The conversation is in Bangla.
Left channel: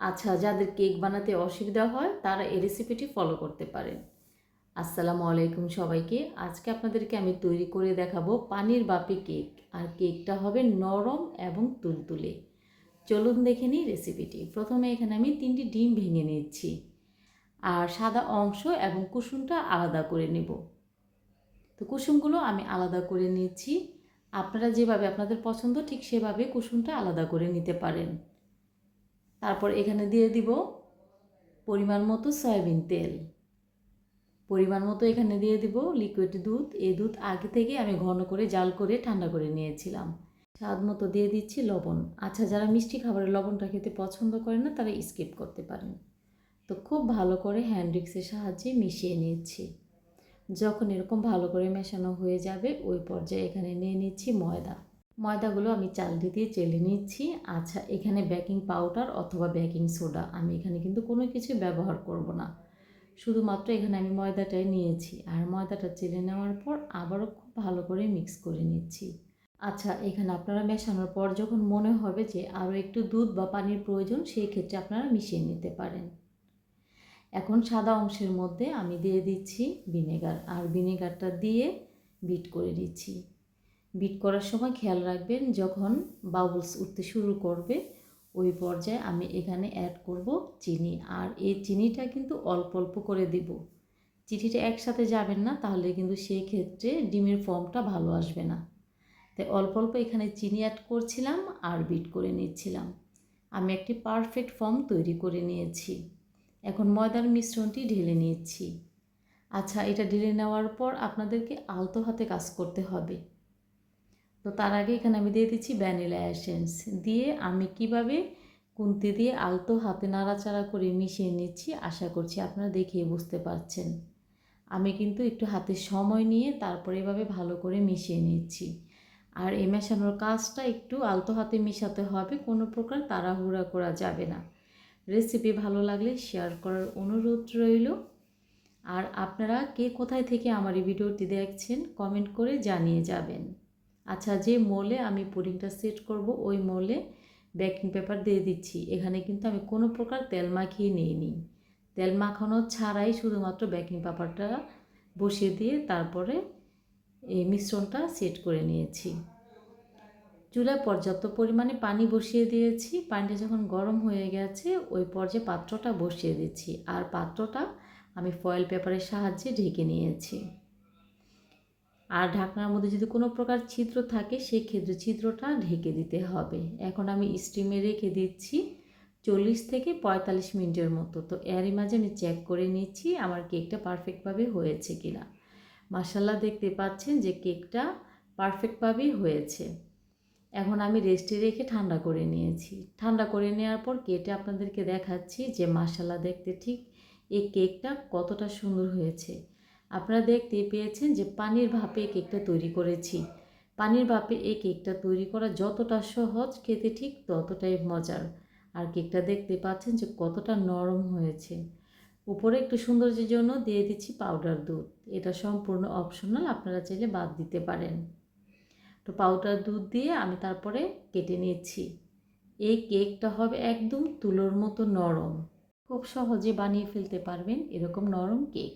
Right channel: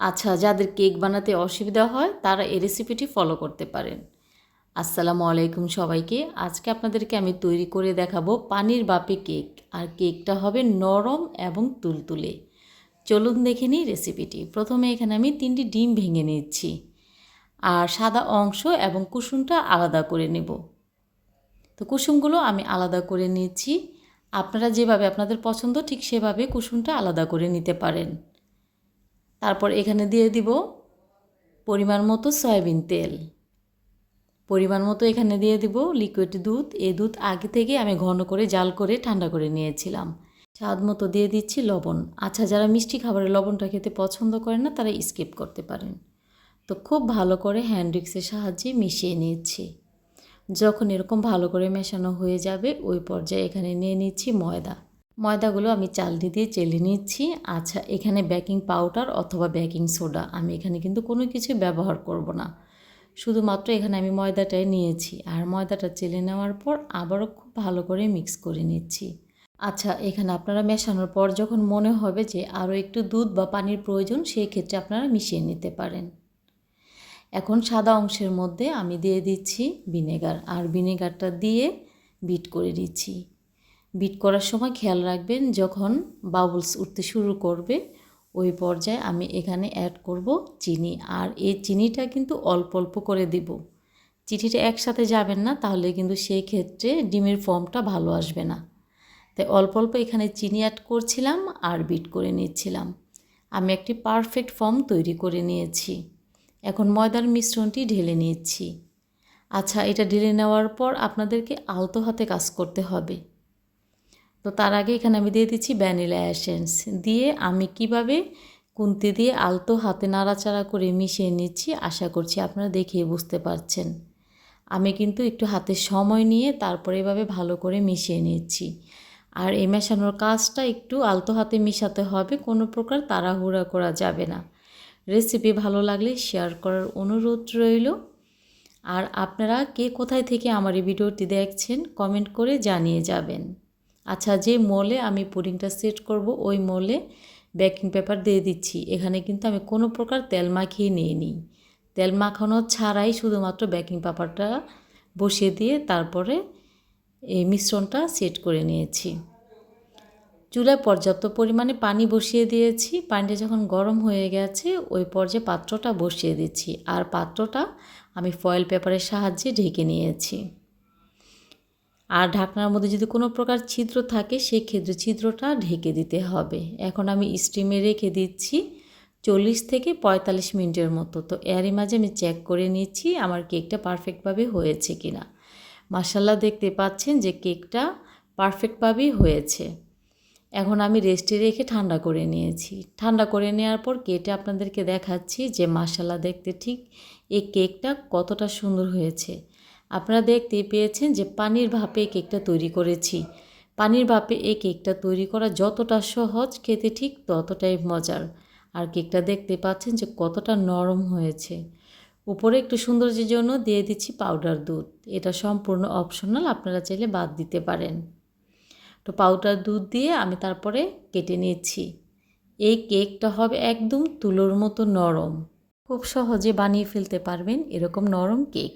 আচ্ছা যাদের কেক বানাতে অসুবিধা হয়, তারা এই রেসিপিটি ফলো করতে পারেন। আসসালামু আলাইকুম সবাইকে। আজকে আপনাদেরকে আমি তৈরি করে দেখাবো পানির বাপে কেক। আর কেকটা হবে নরম এবং তুলতুলে। চলুন দেখে নিই রেসিপিটি প্রথমে এখানে আমি তিনটি ডিম ভেঙে নিচ্ছি। আর সাদা অংশ এবং কুসুমটা আলাদা করে নেব। তো কুসুমগুলো আমি আলাদা করে নিচ্ছি। আপনারা যেভাবে আপনাদের পছন্দ, ঠিক সেভাবে কুসুমটা আলাদা করে নিতে পারেন। তারপর এখানে দিয়ে দিব পরিমাণ মতো সয়াবিন তেল। পরিমাণ মতো এখানে দিয়ে দিব লিকুইড দুধ। এই দুধ আগে থেকে আমি ঘন করে জাল করে ঠান্ডা করে নিয়েছিলাম। স্বাদ মতো দিয়ে দিচ্ছি লবণ। আচ্ছা যারা মিষ্টি খাবারের লবণটা খেতে পছন্দ করেন না, তারা স্কিপ করতে পারেন। তো খুব ভালো করে হ্যান্ড উইক্সের সাহায্যে মিশিয়ে নিচ্ছি। যখন এরকম ভালো করে মেশানো হয়ে যাবে, ওই পর্যায়ে এখানে নিয়ে নিচ্ছি ময়দা। ময়দাগুলো আমি চালনি দিয়ে চেলে নিচ্ছি। আচ্ছা এখানে বেকিং পাউডার অথবা বেকিং সোডা। আমি এখানে কিন্তু কোনো কিছু ব্যবহার করব না। শুধুমাত্র এখানে আমি ময়দাটাই নিয়েছি। আর ময়দাটা চেলে নেওয়ার পর আবারও খুব ভালো করে মিক্স করে নিচ্ছি। আচ্ছা এখানে আপনারা মেশানোর পর যখন মনে হবে যে আরও একটু দুধ বা পানির প্রয়োজন সেই ক্ষেত্রে আপনারা মিশিয়ে নিতে পারেন। এখন সাদা অংশের মধ্যে আমি দিয়ে দিচ্ছি ভিনেগার। আর ভিনেগারটা দিয়ে বিট করে দিচ্ছি। বিট করার সময় খেয়াল রাখবেন যখন বাবলস উঠতে শুরু করবে, ওই পর্যায়ে আমি এখানে অ্যাড করব চিনি। আর এই চিনিটা কিন্তু অল্প অল্প করে দেব। চিনিটা একসাথে যাবেন না, তাহলে কিন্তু সেই ক্ষেত্রে ডিমের ফর্মটা ভালো আসবে না। তাই অল্প অল্প এখানে চিনি অ্যাড করছিলাম আর বিট করে নিচ্ছিলাম। আমি একটি পারফেক্ট ফর্ম তৈরি করে নিয়েছি। এখন ময়দার মিশ্রণটি ঢেলে নিচ্ছি। আচ্ছা এটা ঢেলে নেওয়ার পর আপনাদেরকে আলতো হাতে কাজ করতে হবে। তো তার আগে এখানে আমি দিয়ে দিচ্ছি ভ্যানিলা অ্যাসেন্স দিয়ে আমি কীভাবে কুন্তি দিয়ে আলতো হাতে নাড়াচাড়া করে মিশিয়ে নিচ্ছি, আশা করছি আপনারা দেখিয়ে বুঝতে পারছেন। আমি কিন্তু একটু হাতে সময় নিয়ে তারপরে এভাবে ভালো করে মিশিয়ে নিচ্ছি। আর এই মেশানোর কাজটা একটু আলতো হাতে মিশাতে হবে, কোনো প্রকার তাড়াহুড়া করা যাবে না। রেসিপি ভালো লাগলে শেয়ার করার অনুরোধ রইল। আর আপনারা কে কোথায় থেকে আমার এই ভিডিওটি দেখছেন, কমেন্ট করে জানিয়ে যাবেন। আচ্ছা যে মোলে আমি পুডিংটা সেট করব, ওই মোলে বেকিং পেপার দিয়ে দিচ্ছি। এখানে কিন্তু আমি কোনো প্রকার তেল মাখিয়ে নিয়ে নিই তেল মাখানো ছাড়াই শুধুমাত্র বেকিং পেপারটা বসিয়ে দিয়ে তারপরে এই মিশ্রণটা সেট করে নিয়েছি। চুলায় পর্যাপ্ত পরিমাণে পানি বসিয়ে দিয়েছি। পানিটা যখন গরম হয়ে গেছে, ওই পর্যায়ে পাত্রটা বসিয়ে দিচ্ছি। আর পাত্রটা আমি ফয়েল পেপারের সাহায্যে ঢেকে নিয়েছি। আর ঢাকনার মধ্যে যদি কোনো প্রকার ছিদ্র থাকে, সেক্ষেত্রে ছিদ্রটা ঢেকে দিতে হবে। এখন আমি স্টিমে রেখে দিচ্ছি চল্লিশ থেকে পঁয়তাল্লিশ মিনিটের মতো। তো এরই মাঝে আমি চেক করে নিচ্ছি আমার কেকটা পারফেক্টভাবে হয়েছে কি না মাসাল্লা দেখতে পাচ্ছেন যে কেকটা পারফেক্টভাবেই হয়েছে। এখন আমি রেস্টে রেখে ঠান্ডা করে নিয়েছি। ঠান্ডা করে নেওয়ার পর কেটে আপনাদেরকে দেখাচ্ছি যে মাসাল্লা দেখতে ঠিক এই কেকটা কতটা সুন্দর হয়েছে। আপনারা দেখতেই পেয়েছেন যে পানির ভাপে কেকটা তৈরি করেছি। পানির ভাপে এই কেকটা তৈরি করা যতটা সহজ, খেতে ঠিক ততটাই মজার। আর কেকটা দেখতে পাচ্ছেন যে কতটা নরম হয়েছে। উপরে একটু সৌন্দর্যের জন্য দিয়ে দিচ্ছি পাউডার দুধ। এটা সম্পূর্ণ অপশনাল, আপনারা চাইলে বাদ দিতে পারেন। তো পাউডার দুধ দিয়ে আমি তারপরে কেটে নিয়েছি এই কেকটা হবে একদম তুলোর মতো নরম। খুব সহজে বানিয়ে ফেলতে পারবেন এরকম নরম কেক।